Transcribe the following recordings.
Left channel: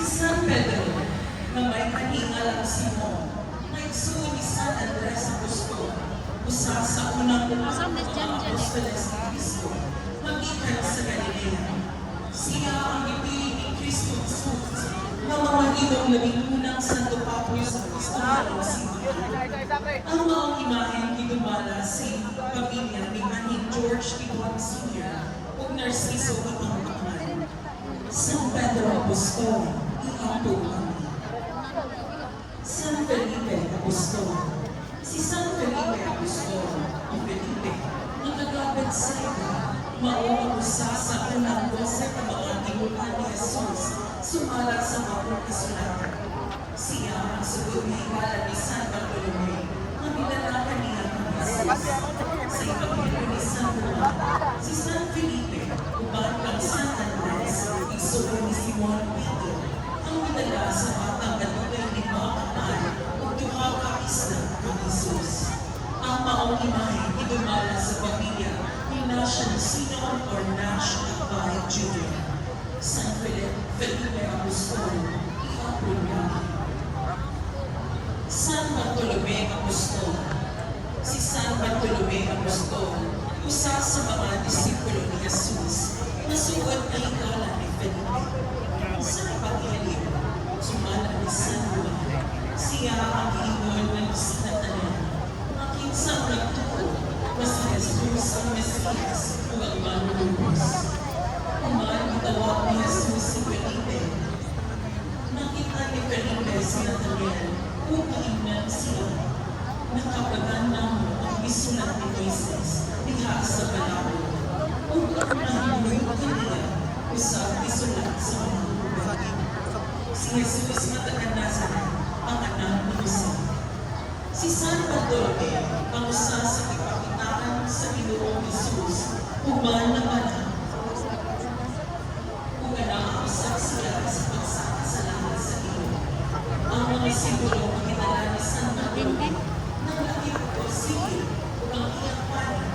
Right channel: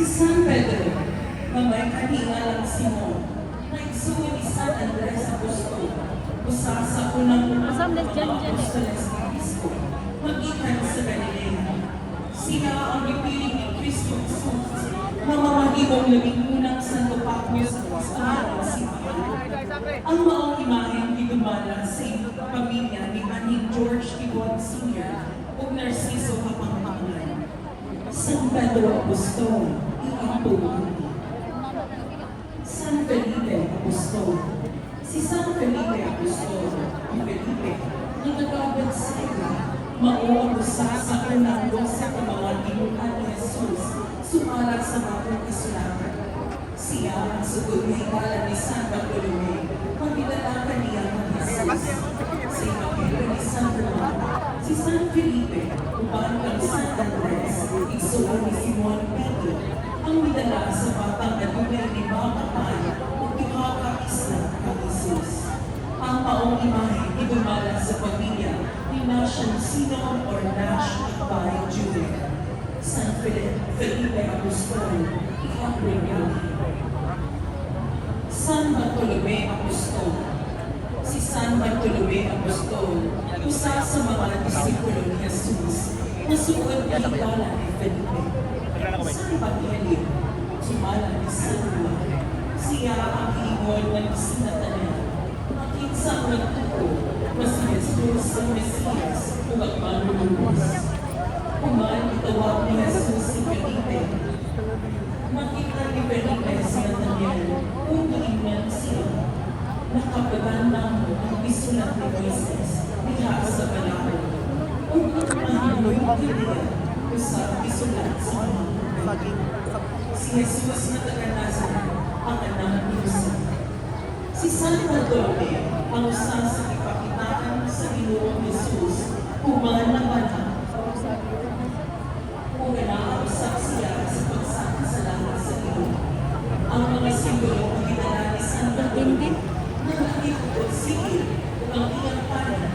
Si San Pedro, na may kahingalang Simon, na igsuon ni San Andres Apostol, usa sa unang apostoles ni Cristo, magikan sa Galilea. Siya ang ipiling ni Cristo Jesus, na mamahimong labing unang Santo Papos Apostolado Simbahan. Ang maong imaheng gidumala sa pamilya ni Aning George Tibon Sr. ug Narciso Kapangpangan. San Pedro Apostol, iampo kami. San Felipe Apostol. Si San Felipe Apostol, ang Felipe, ang nagabit sa ila, mao usa sa unang sa mga tinuhan ni Jesus, sumala sa mga kasulatan. Siya ang sugod ni higala ni San Bartolome, ang nilalaka niya ng Jesus. Sa Ebanghelyo ni San Juan, si San Felipe, uban ang San Andres, igsuon ni Simon Pedro, ang nidala sa batang na dunay limang kaman ug duha ka isla ang Jesus. Ang maong imahe idumala sa pamilya ni Nash Sinon or Nash by Jr. San Felipe Apostol, i-approve. San Bartolome Apostol. Si San Bartolome Apostol, usa sa mga disipulo ni Jesus, nasuod ni higala ni Felipe. San Bartolome, sumala ni San Juan, siya ang iingol ng sinatanan. Ang kinsang nagtuko na si Jesus ang Mesiyas o ang manunubos. Itawag ni Jesus si Felipe. Nakita ni Felipe si Nathanael kung iingnan siya. Nakapagandang ang bisulat ni Jesus diha sa Palawan. Kung mahimulog nila sa bisulat sa mga si Jesus na taga-Nazaret ang anak ni Jose. Si San Bartolome ang usa sa kapakitaan sa Ginoong Jesus kumanabanan. Kung inausap siya sa pagsakasalanan sa iyo, ang mga simbolo ng ginala ni San Bartolome naglaki ko sige ang iyang panan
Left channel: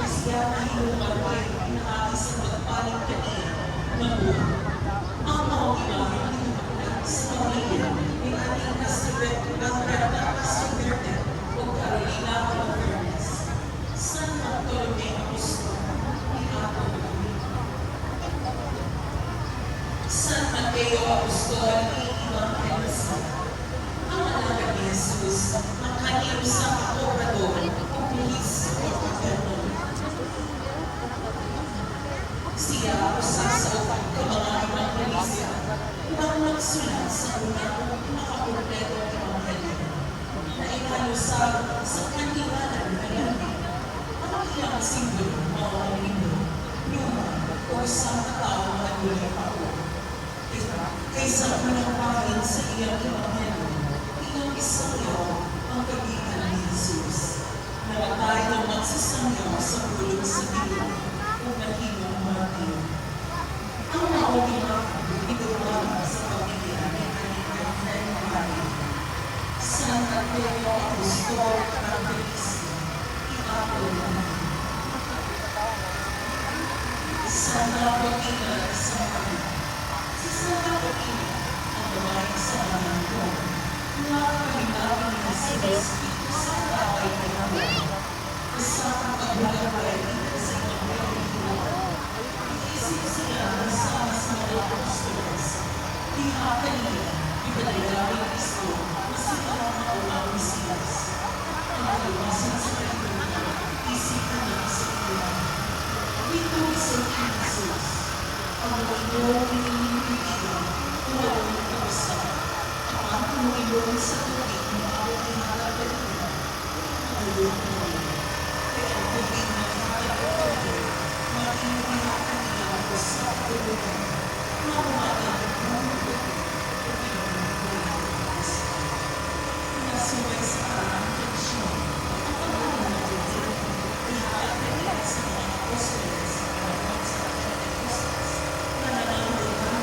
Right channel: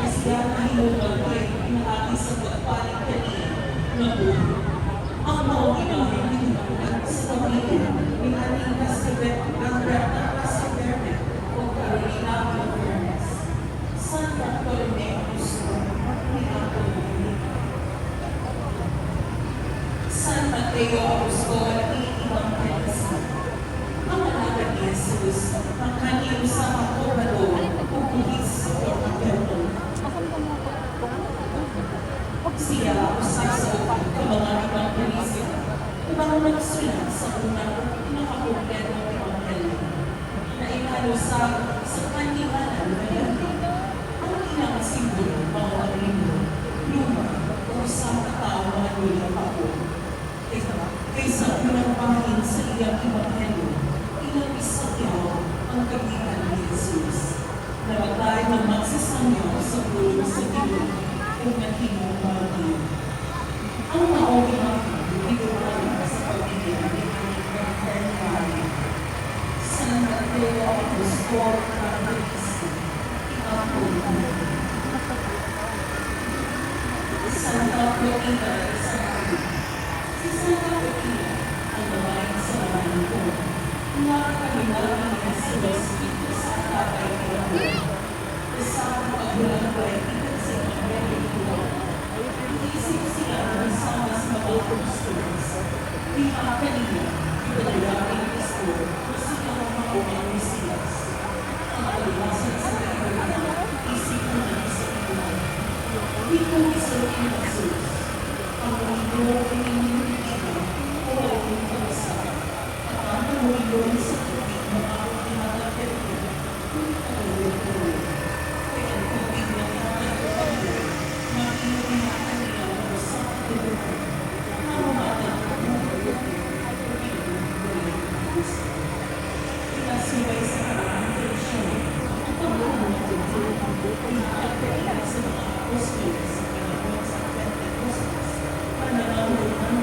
kasi siya nahinugang kayo pinakaki sa pagpaling kaniya na buwan. Ang maong imaheng hinungan sa pamilya ni Aning Castabet Galreta Castabete o Carolina Alvarez. San Bartolome Apostol, San Mateo Apostol, i-evangelista. Ang malawag ni Jesus, ang kanyang usama o bador o buhis o pagkaroon. Siya usap sa mga evangelista, upang magsulat sa unang pinakakompleto ng Ebanghelyo na inalusag sa kandilanan na lamig. Ang ilang simbolo mga libro, luma o isang katao mga ulang ako. Kaysa unang pangin sa iyang Ebanghelyo, ilang isangyaw ang kagitan ni Jesus. Nawagay ng magsisangyaw sa bulong sa dilim kung nahimong mga dilim. Ang maong idulungan sa pamilya ni Aning Maria. San Mateo Apostol, Evangelista, i-approve. San Bartolome sa Maria. Si San Bartolome ang babaeng sa Maria. Nakakalimutan ng Espiritu sa tatay niya. Kasama kagulang ko ay sa Ebanghelyo. Isip siya ng sama sa mga apostles. Diha kanina, ipadalawa ng Kristo na sila mga unang Mesiyas. Ang kaliwasan sa kalimutan, isip ko ng Espiritu. Ito isa ni Jesus, ang Panginoong ininulitin o walang kausap. Ang ating mulibong sa tubig na ako pinatagpagpag, kung nakalimutan. Kaya ang tubig na pinatagpagpag, makininayaan niya ako sa tubig. Ang mga pinasuway sa karang tensyon, ang pagkalimutan din, ihatag sa mga apostles, sa Pentecostes, na nangangulugan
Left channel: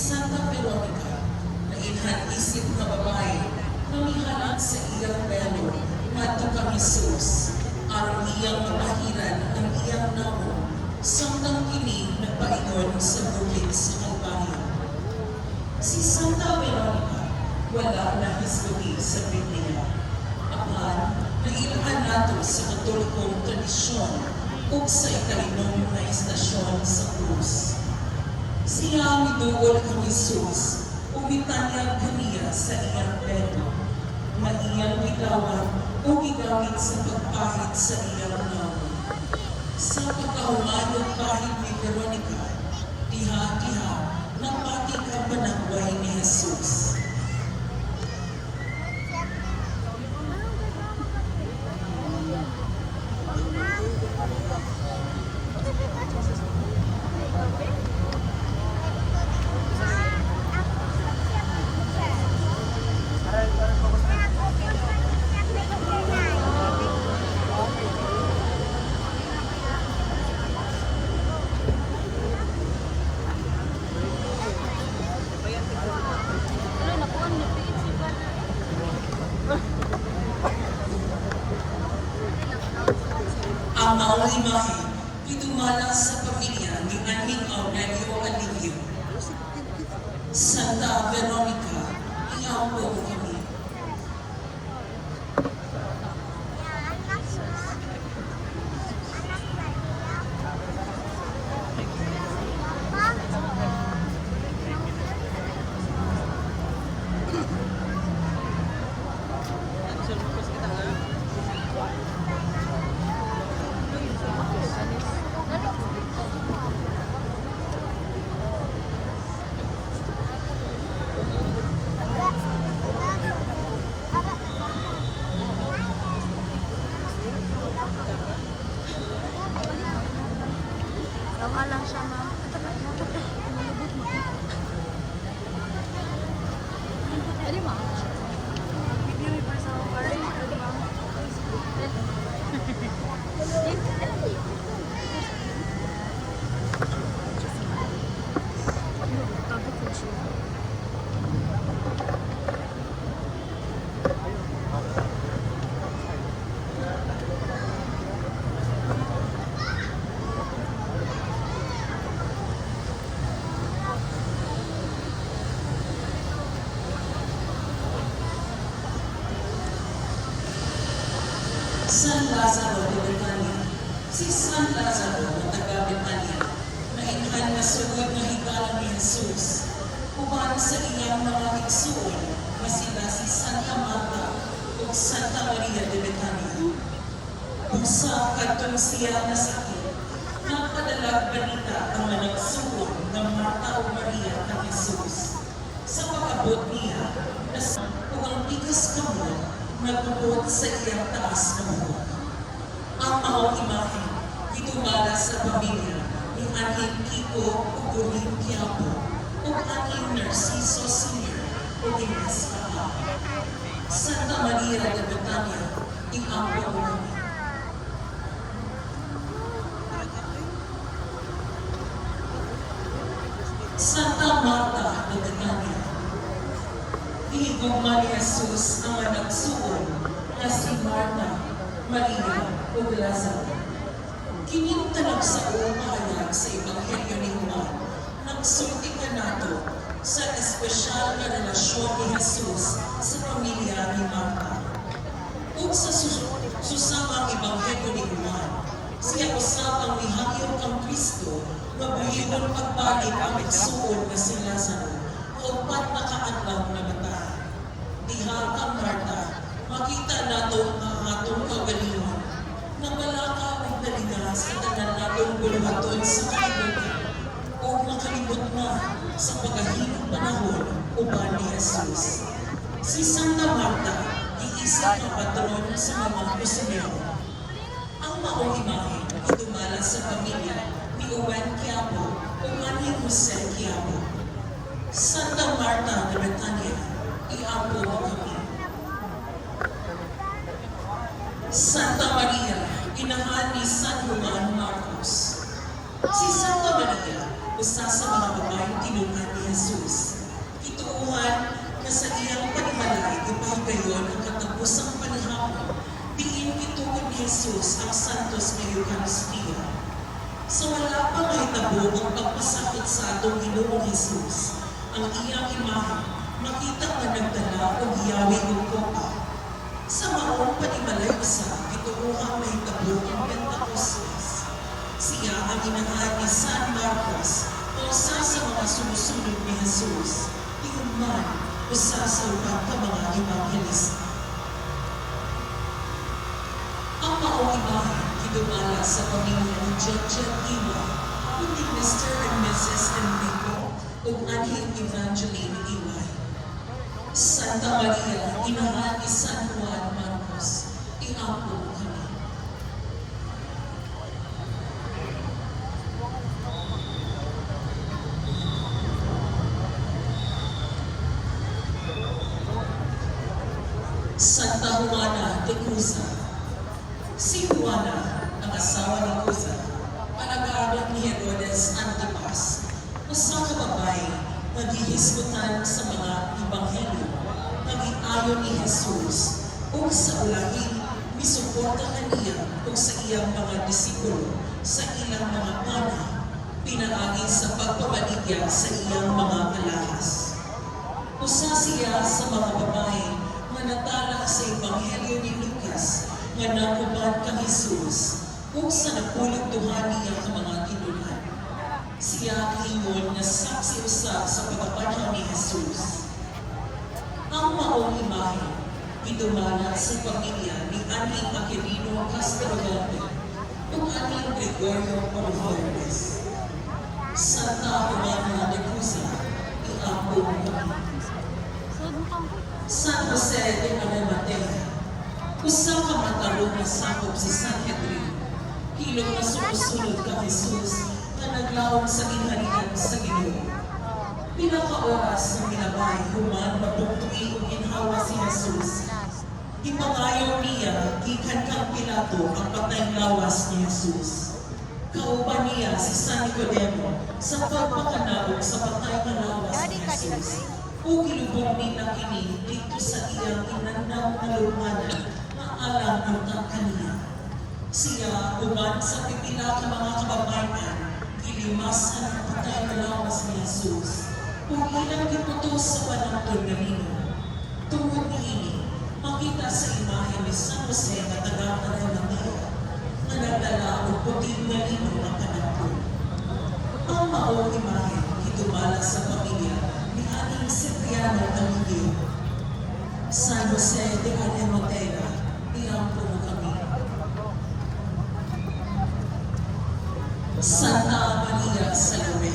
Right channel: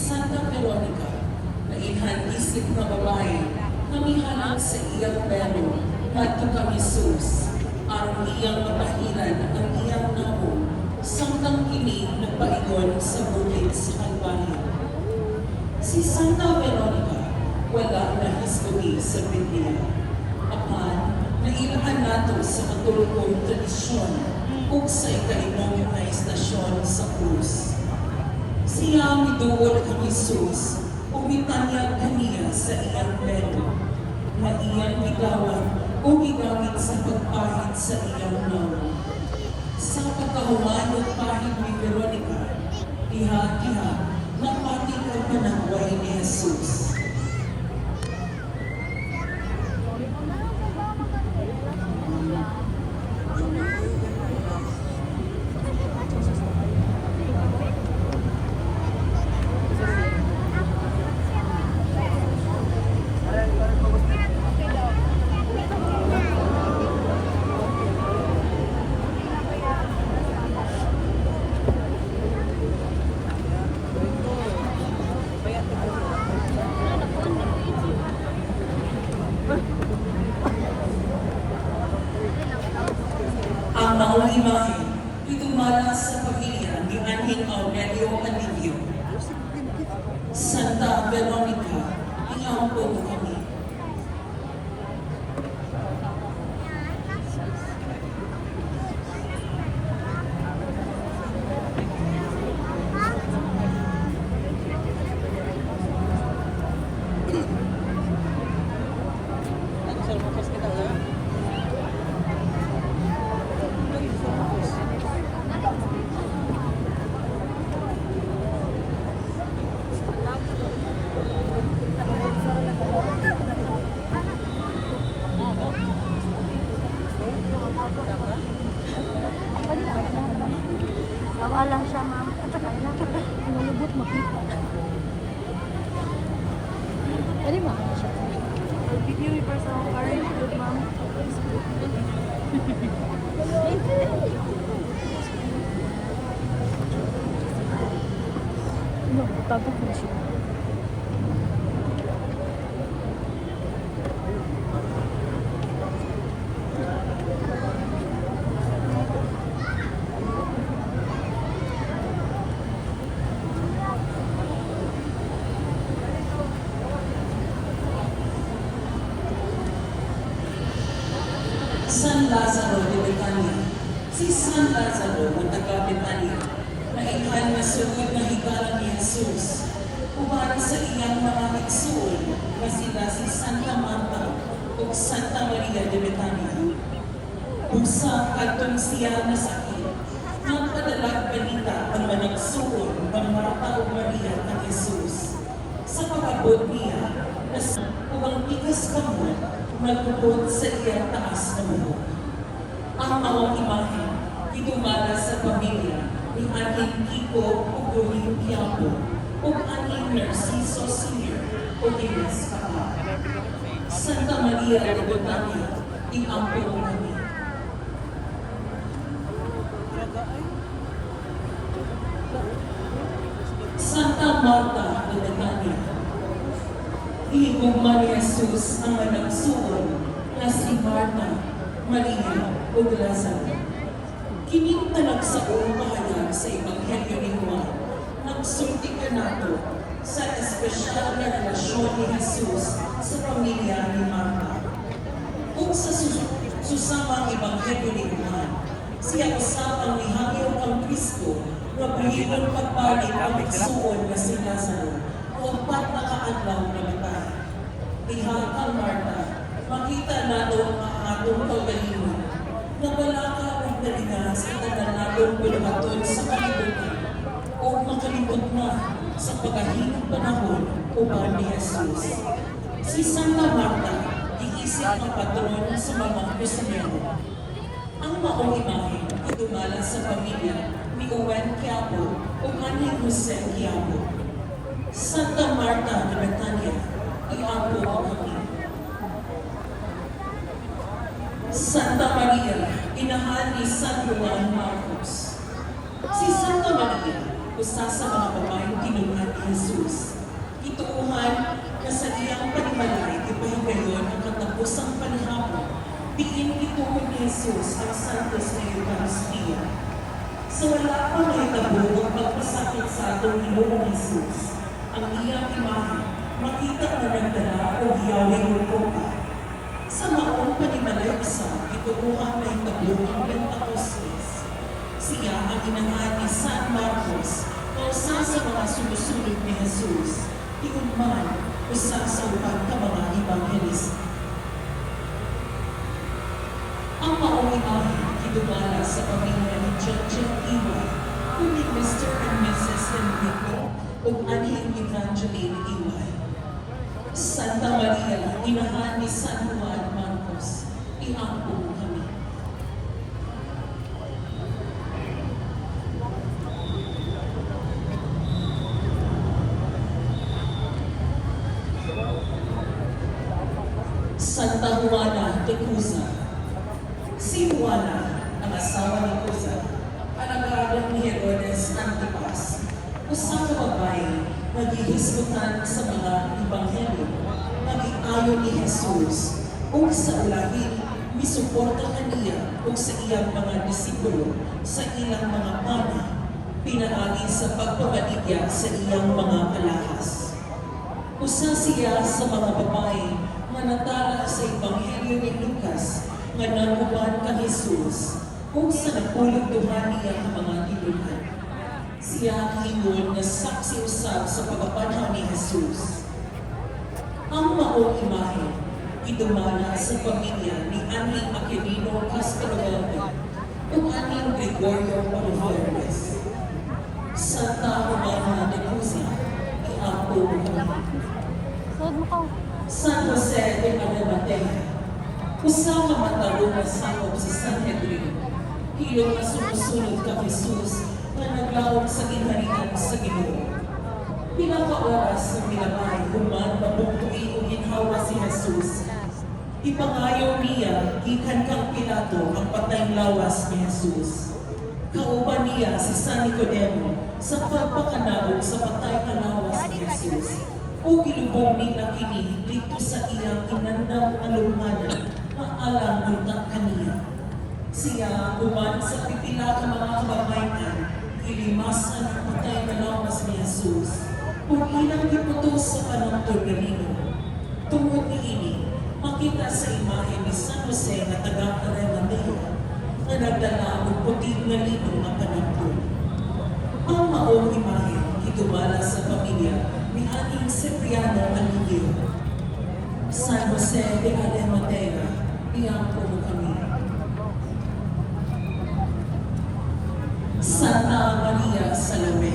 Santa Veronica, na inhan-isip na babae, namihanan sa iyang belo, at kang Jesus, ang iyang mapahiran, ang iyang namo, samtang kini na paigon sa bukid sa Kalbaryo. Si Santa Veronica, wala na history sa Biblia. Apan, nailhan nato sa katulogong tradisyon ug sa ikainong na istasyon sa krus. Siya miduol ang Jesus, umitanyag kaniya sa iyang belo, na iyang gidawan o gigamit sa pagpahit sa iyang nawa. Sa pagkahumayog pahit ni Veronica, diha-diha, napatig ang panangway ni Jesus. Ang maong imahe, idumala sa pamilya ni Anhing Aurelio Alivio. Santa Veronica, iyampong kami. Wala lang siya, ma'am. Nalibot mo. Ano ba? Yung may personal card, ma'am. Ano, tago ko siya. San Lazaro de Betania. Si San Lazaro na taga Betania, maihan na sugod na higala ni Jesus, upara sa iyang mga igsuon na sila si Santa Marta o Santa Maria de Betania. Usa katong siya na sakit, nagpadalag balita ang managsuon ng Marta o Maria kang Jesus. Sa pag-abot niya, kung ang tigas kamot, magpupot sa iyang taas ng buhok. Ang maong imahe, idumala sa pamilya ni Anhing Kiko o Uling Quiapo o Anhing Narciso Sr. o Ines Papa. Santa Maria de Betania, iambon kami. Santa Marta de Betania, ihigugma ni Jesus ang managsuon na si Marta, Maria, o Lazaro. Kining tanag sa uong pahayag sa Ebanghelyo ni Juan, nagsulti ka nato sa espesyal na relasyon ni Jesus sa pamilya ni Marta. Kung sa susamang Ebanghelyo ni Juan, siya usap ang nihangyo kang Kristo na buhigon pagbalik ang igsuon na si Lazaro o pat nakaadlaw na batay. Diha ang Marta, makita nato ang atong kagalingon na wala ka nagdalingan sa tanan natong pinuhaton sa kalibutan o makalibot na sa pagkahinang panahon uban ni Jesus. Si Santa Marta, iisip na patron sa mga kusinero. Ang maong imahe, idumala sa pamilya ni Juan Quiapo o Anhing Jose Quiapo. Santa Marta de Betania, iampo mo kami. Santa Maria, inahan ni San Juan Marcos. Si Santa Maria o usa sa mga babaeng tinulungan ni Jesus. Ituuhan na sa iyang panimalay ipahigayon ang katapusang panahapon, diin ituon ni Jesus ang Santos na Eucharistia. Sa wala pang mahitabo ang pagpasakit sa atong Ginoong Jesus, ang iyang imahe, makita na nagdala o hiyawi o kopa. Sa maong panimalay isa, ituuhan mahitabo ang Pentecostes. Siya ang inahan ni San Marcos na usa sa mga sumusunod ni Jesus, diun man usa sa upang ka mga ebanghelista. Ang maong imahe, kitubala sa pamilya ni Jen Iwa, kundi Mr. and Mrs. Enrico, ug anhing Evangeline Iwa. Santa Maria, inahan ni San Juan Marcos, iampo mo kami. Santa Juana de Cuza. Si Juana, ang asawa ni Cuza, alagadong ni Herodes Antipas, usa ka babae naghihisgutan sa mga ebanghelyo, nag-ayon ni Jesus, ug sa ulahin, misuporta kaniya ug sa iyang mga disipulo sa ilang mga pana, pinaagi sa pagpabaligya sa iyang mga kalahas. Usa siya sa mga babae nga natala sa ebanghelyo ni Lucas nga nanguban ka Jesus ug sa napulugduhan niya ang mga tinulhan. Siya ang ingon na saksi usab sa pagapanhaw ni Jesus. Ang maong imahe idumana sa pamilya ni Aning Aquilino Castellote ug Aning Gregorio Palomares. Santa Romana de Cuza, iampo mo kami. Saan mo ka? San Jose de Arimatea, usa ka matarong na sakop si San Henry, hilong na sumusunod ka Jesus na naglawag sa inhalian sa Ginoo. Pinaka-oras ng nilabay human mapugtuin o ginhawa si Jesus. Ipangayo niya, gikan kang Pilato ang patayng lawas ni Jesus. Kauban niya si San Nicodemo sa pagpakanaog sa patay na lawas ni Jesus. O gilubong nila kini dito sa iyang inandang alunganan na alang buntang kaniya. Siya uman sa pipila ka mga kababayan, ilimasan ang patay na lawas ni Jesus. Kung ilang giputos sa panangtod na lino, tungod ni ini, makita sa imahe ni San Jose na taga-Arimatea na nagdala ng puting na lino ng panangtod. Ang maong imahe, itubala sa pamilya ni ating Cipriano Camillo. San Jose de Arimatea, iampo mo kami. Santa Maria Salome,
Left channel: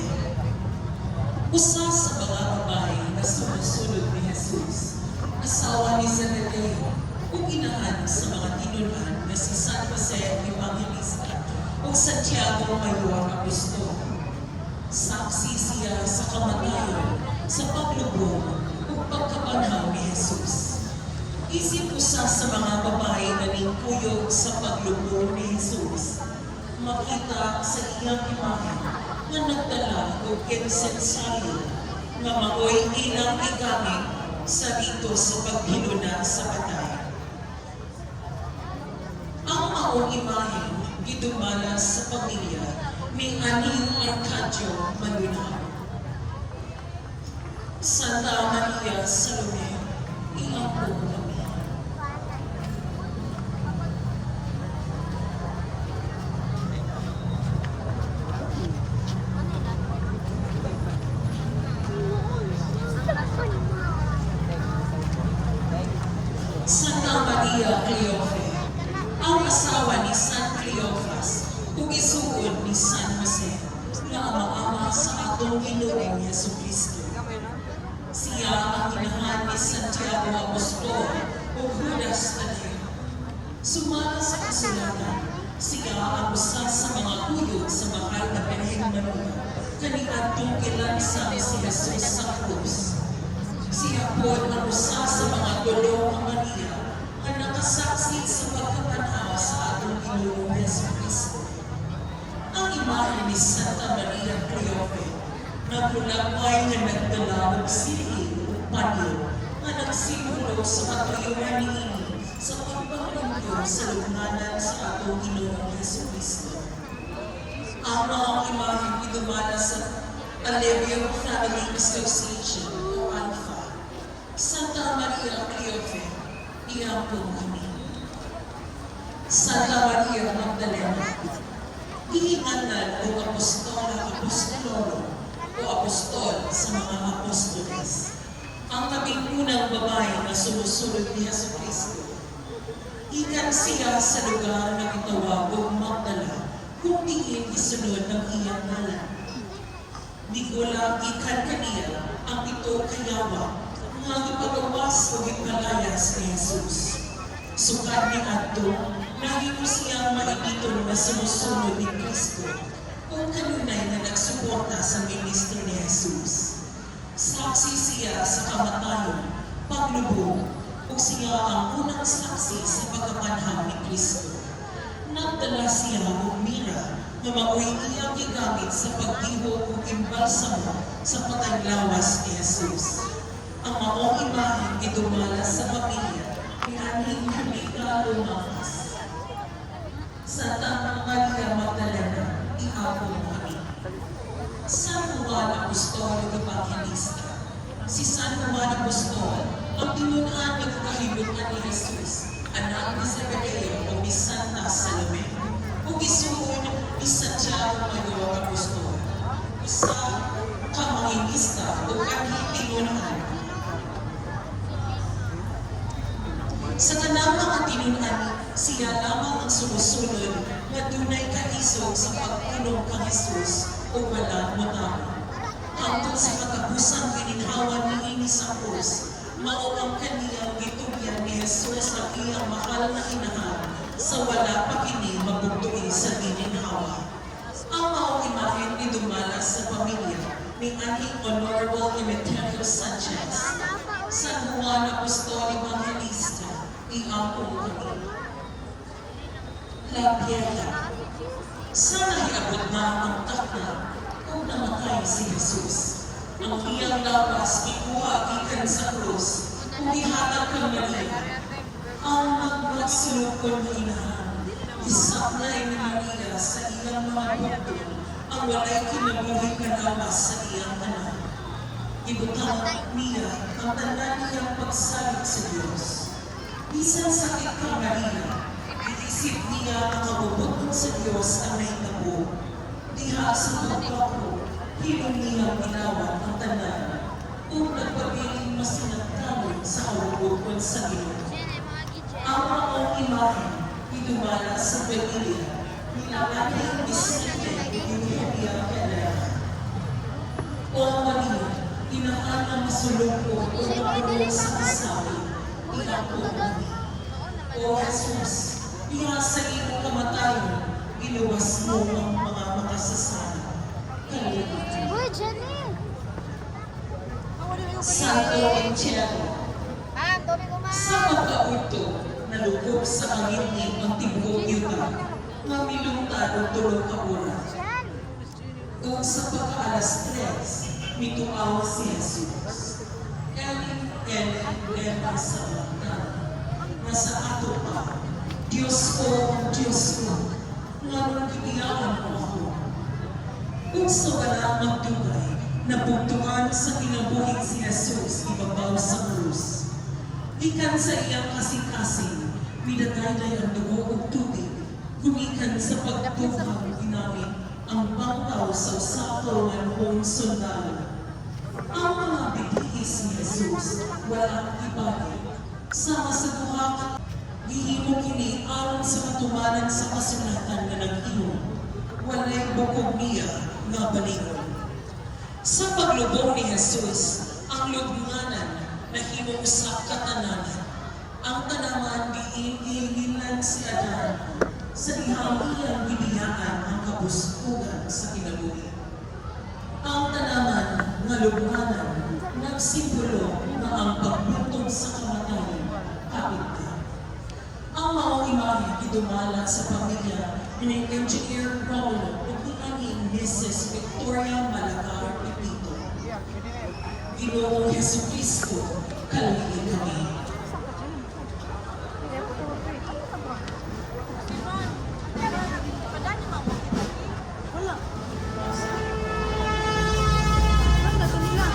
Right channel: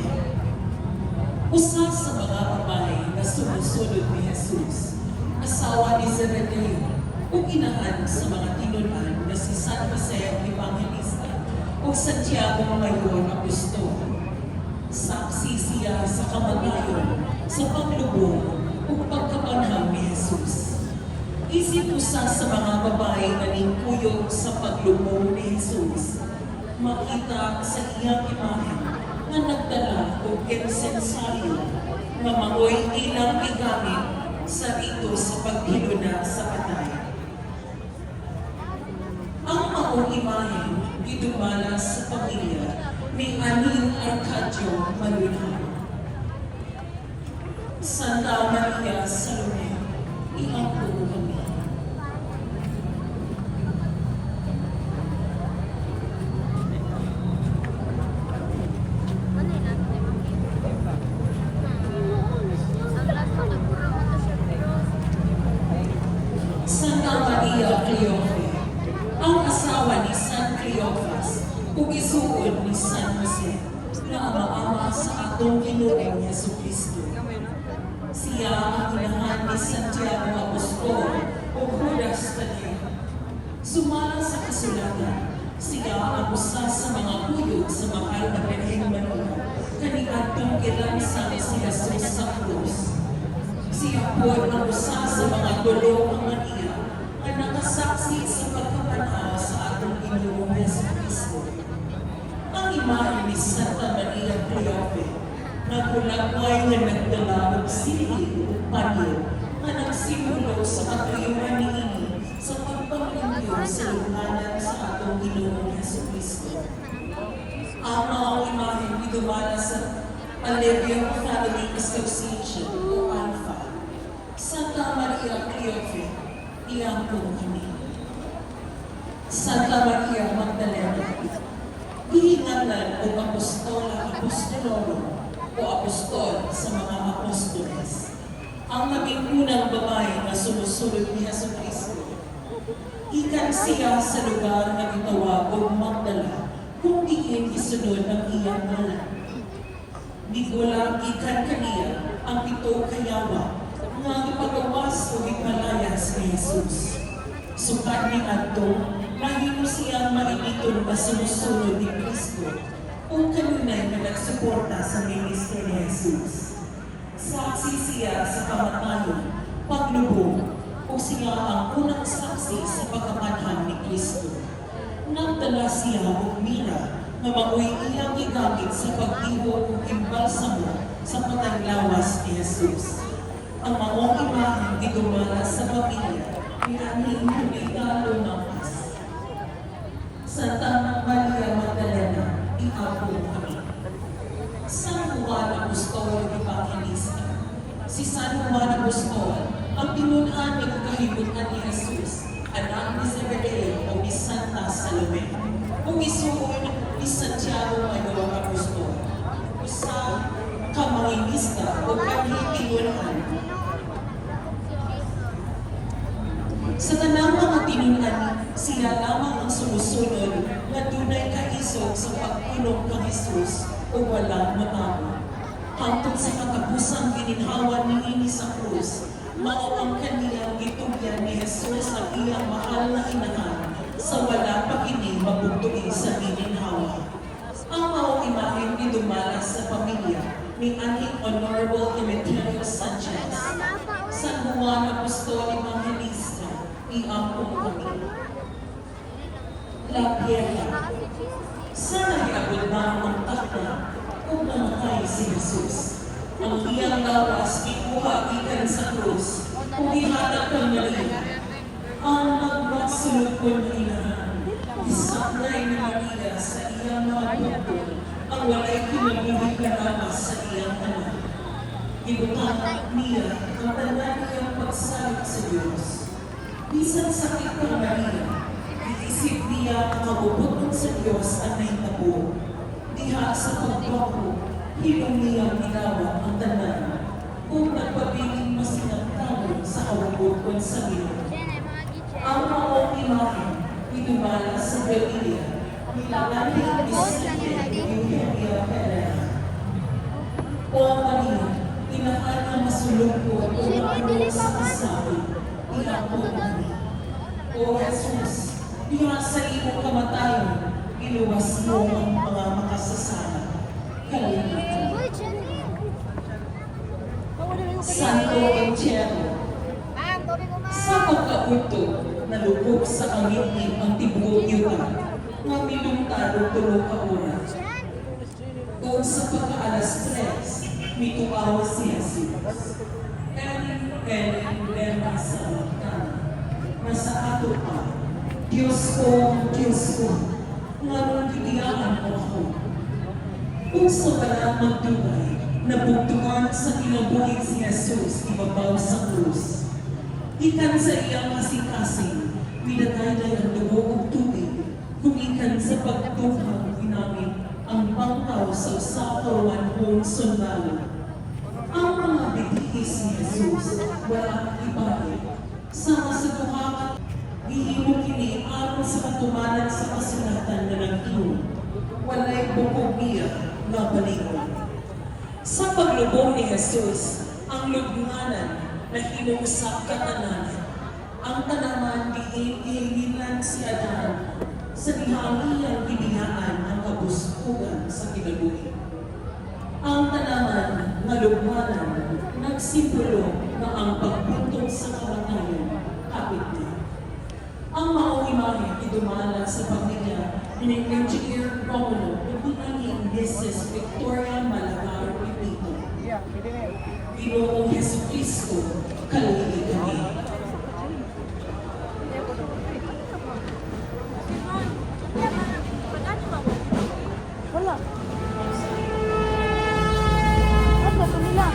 usa sa mga babae na sumusunod ni Jesus, asawa ni Zebedeo, ug inahan sa mga tinulhan na si San Jose Evangelista ug Santiago Mayor Apostol. Saksi siya sa kamatayon, sa paglubong ug pagkapanhaw ni Jesus. Isip usa sa mga babae na ningkuyog sa paglubong ni Jesus, makita sa iyang imahe na nagdala og insensaryo nga maoy ilang igamit sa ito sa paghinuna sa patay. Ang maong imahe idumala sa pamilya ni Aning Arcadio Malunao. Santa Maria Salome, iampo mo kami. Santa Maria Cleofe, ang asawa ni San Cleofas, ug isuod ni San Jose, na ama-ama sa atong Ginoong Jesucristo. Siya ang inahan ni Santiago Apostol o Judas Tadeo. Sumala sa kasulatan, siya ang usa sa mga kuyog sa mahal na Birheng Maria, kaniadtong kilansang si Jesus sa krus. Siya po ang usa sa mga tulo ng Maria ang nakasaksi sa pagkapanhaw sa atong Ginoong Jesucristo. Ang imahe ni Santa Maria Cleofe Nagulakway nga nagdala og silid ug panyo nga nagsimulo sa katuyuan niini sa pagpanglandyo sa lubnganan sa atong Ginoong Jesucristo. Ang mga imahe gidumala sa Alevio Family Association o ALFA. Santa Maria Cleofe, iangkong kami. Santa Maria Magdalena, ihingalan o apostolo o apostol sa mga apostoles. Ang kabingunang babae na sumusunod ni Jesucristo. Ikan siya sa lugar na gitawag o Magdala kung diin isunod ang iyang ngalan. Digula ikan kaniya ang ito kayawa nga ipagawas o ipalayas ni Jesus. Sukat ni Adto, naging siyang mainiton na sumusunod ni Kristo kung kanunay na nagsuporta sa ministro ni Jesus. Saksi siya sa kamatayon, paglubog, o siya ang unang saksi sa pagkamanhang ni Kristo. Nagdala siya ng mira na magoy iyang gigamit sa pagtihog o imbalsamo sa pataglawas ni Jesus. Ang maong imaheng gidumala sa pamilya ni Aning Juliano Mapas. Santa Maria Magdalena, iapon kami. San Juan Apostol Evangelista. Si San Juan Apostol, ang tinunan nagkakahibutan ni Jesus, anak ni Zebedeo o ni Santa Salome, o isuon ni Santiago Mayawang Apostol, o sa kamangingista o kanhi-tinunan. Sa tanang mga tinunan, siya lamang ang sumusunod na dunay kaisog sa pagpulong kang Jesus o walang matama. Hangtod sa katapusang gininhawan niini sa krus, mao ang kaniyang gitugyan ni Jesus ang iyang mahal na inahan sa wala pa kini mabugtuin sa gininhawa. Ang maong imahen gidumala sa pamilya ni Aning Honorable Emeterio Sanchez, San Juan Apostol Evangelista, iangkong kami. La Piedra. Sana iabot na ang takna kung namatay si Jesus. Ang iyang lawas ikuha ikan sa krus kung ihatag kang Maria. Ang nagmagsulukon hinahan, isaklay ni Maria sa iyang mga bukod ang walay kinabuhi kalawas sa iyang anak. Ibutang niya ang tanan niyang pagsalit sa Diyos. Bisan sakit kang Maria, iisip niya ang mabubukod sa Diyos ang nahitabo. Diha sa pagbago, hilong niyang ginawan ang tanan. Kung nagpabiling masinagtanong sa kawabukod sa bilang. Ang maong imahe, idumala sa Galilea, nilalaming isipin Eugenia Pelea. O Maria, inahan ang masulungkot o nakulong sa kasabi, iangkon kami. O Jesus, diha sa iyong kamatayon, iluwas mo ang mga makasasala. Kalinahan. Santo Encero, sa pagkaunto, nalugog sa angin ang tibuok yuta, nga milungtad o tulong ka oras. Kung sa pagkaalas 3, mituaw si Jesus. Eli, sa mata, nasa ato pa, Diyos ko, nga nung giniaan mo ako. Kung sa wala magdunay, nabugtuan sa kinabuhin si Jesus ibabaw sa krus. Ikan sa iyang kasing-kasing, nilagay na ang dugo o tubig, kumikan sa pagtuhaw ginamit ang bangkaw sa usapawan sundalo. Ang mga bigis ni Jesus, walang ibalik. Sama sa duhakat, gihimo kini aron sa katumanan sa kasulatan na nag-inom. Walay bukog niya nga balingon. Sa paglubong ni Jesus, ang lugnanan na hinuusap katanan, ang tanaman diinilan si Adan sa dihang iyang biniyaan ang kabuskugan sa kinabuhi. Ang tanaman nga lugnanan nagsimbolo na ang pagbuntong sa kamatayon kapit na. Ang maong imahe idumala sa pamilya ni Engineer Romulo at ni Mrs. Victoria Malagar Pipito. Ginoong Jesucristo, kalugin kami. Wala. Ano ba nila?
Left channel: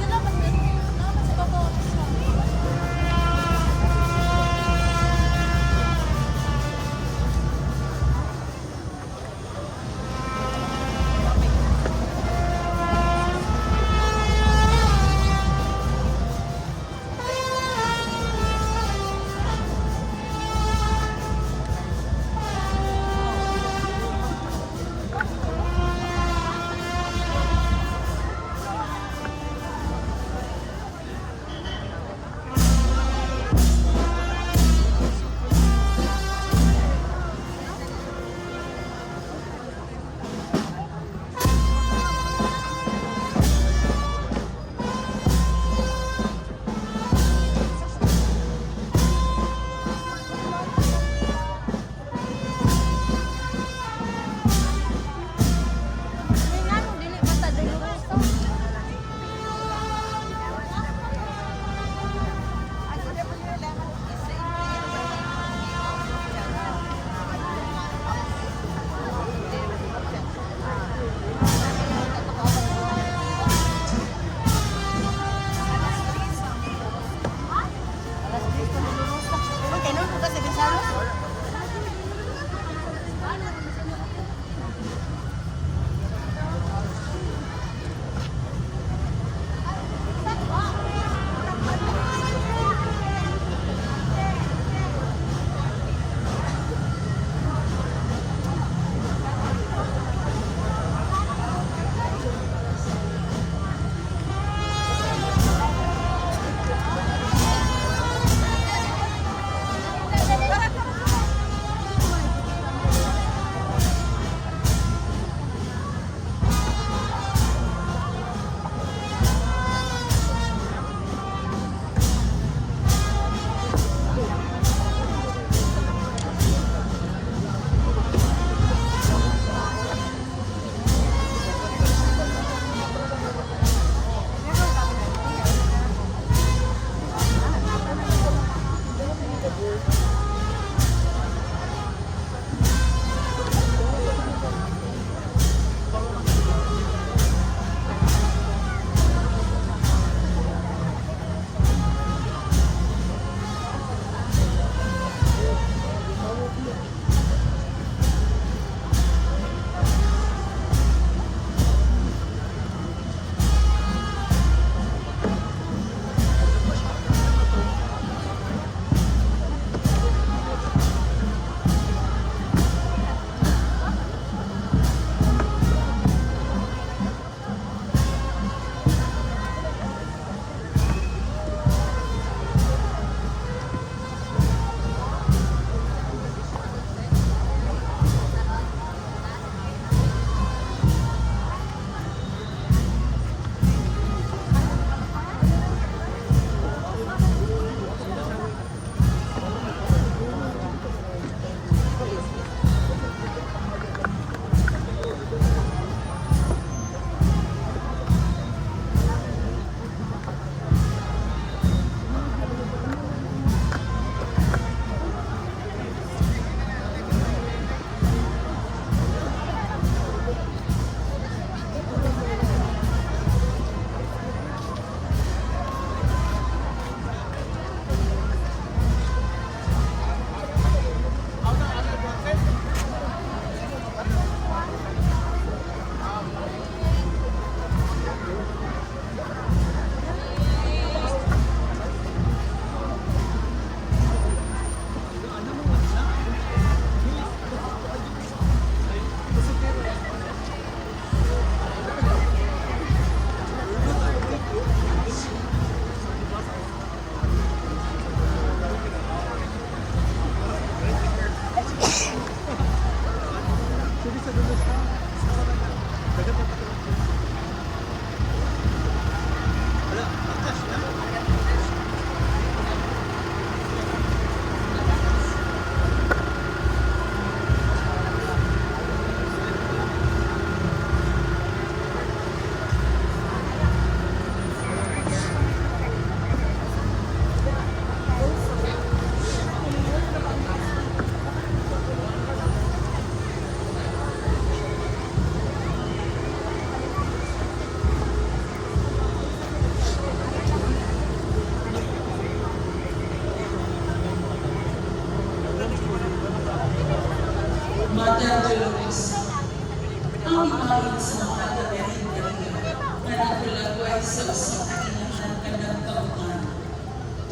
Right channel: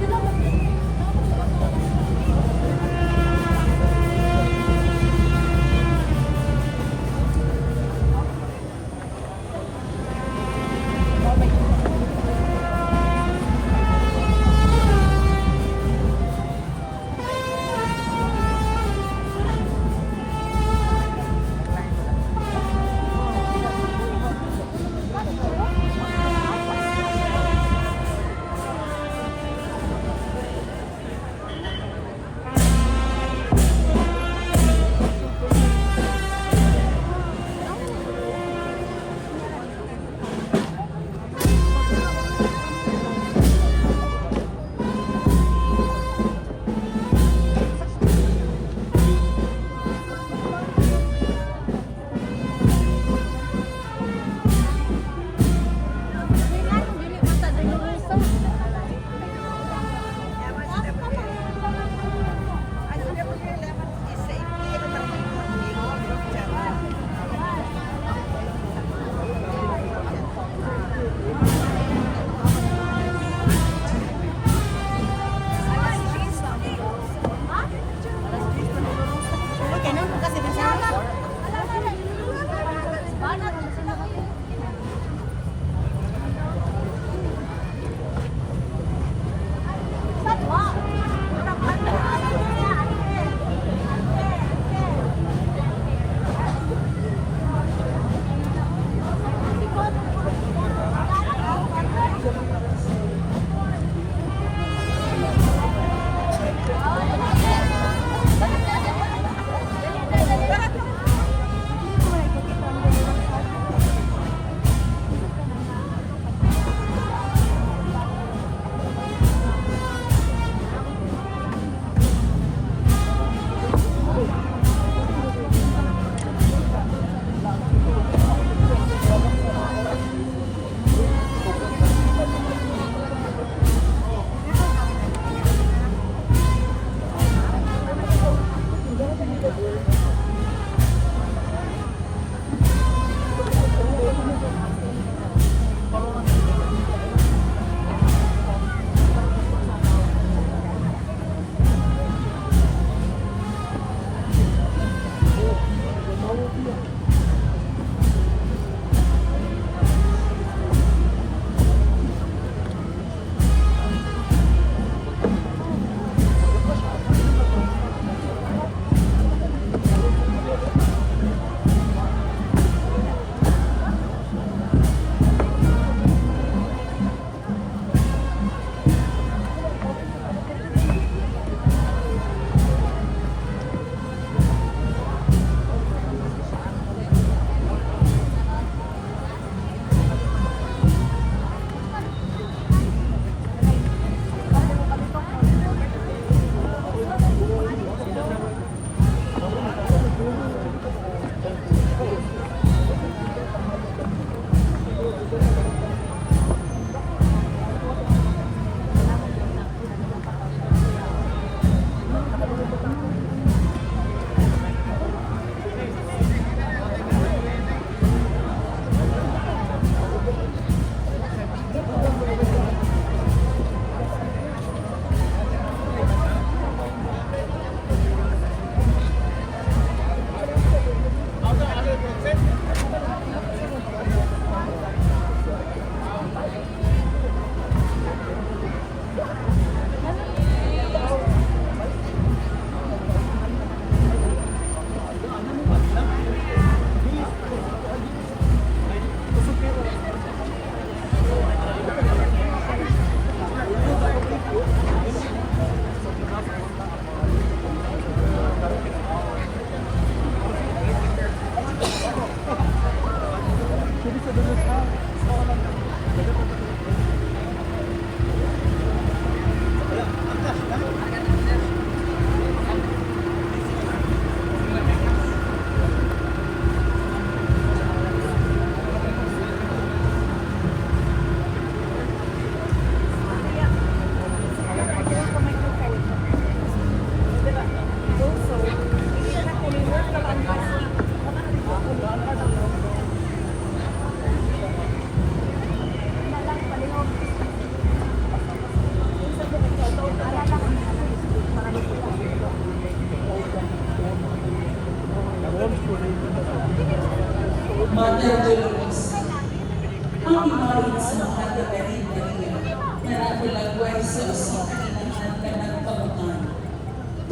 Salamat din. Salamat sa babaw.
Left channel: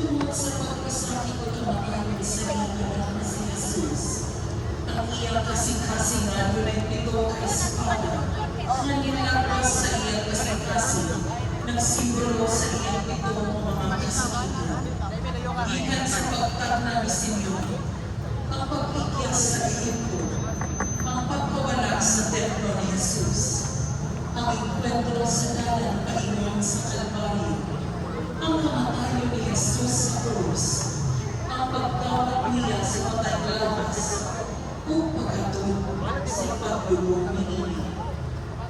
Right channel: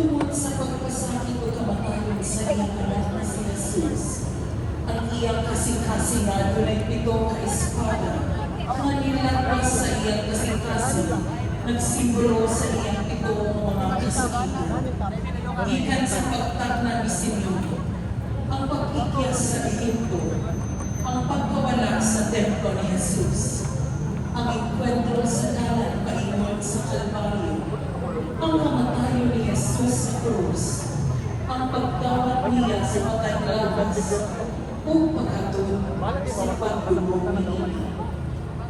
Tungod sa pag-isakit o kamatayan sa iyang anak na si Jesus, ang iyang kasing-kasingan tulad nito ka espada, na nilabas sa iyang kasing-kasing, nagsimbolo sa iyang pitong mga kasakitan. Gikan sa pagtagna ni Simeon, ang pag-ikyas sa Ehipto, ang pagkawala sa templo ni Jesus, ang enkwentro sa dalang paiwan sa Kalbaryo, ang kamatayo ni Jesus sa krus, ang pagtawag niya sa mga drabas, o paghatod sa pagbulong ni Ili,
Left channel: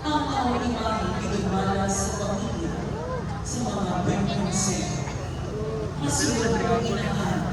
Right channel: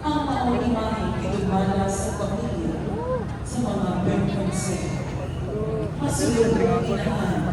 ang mga imahe pinumala sa pamilya, sa mga pagkonsen. Masulog ang inahan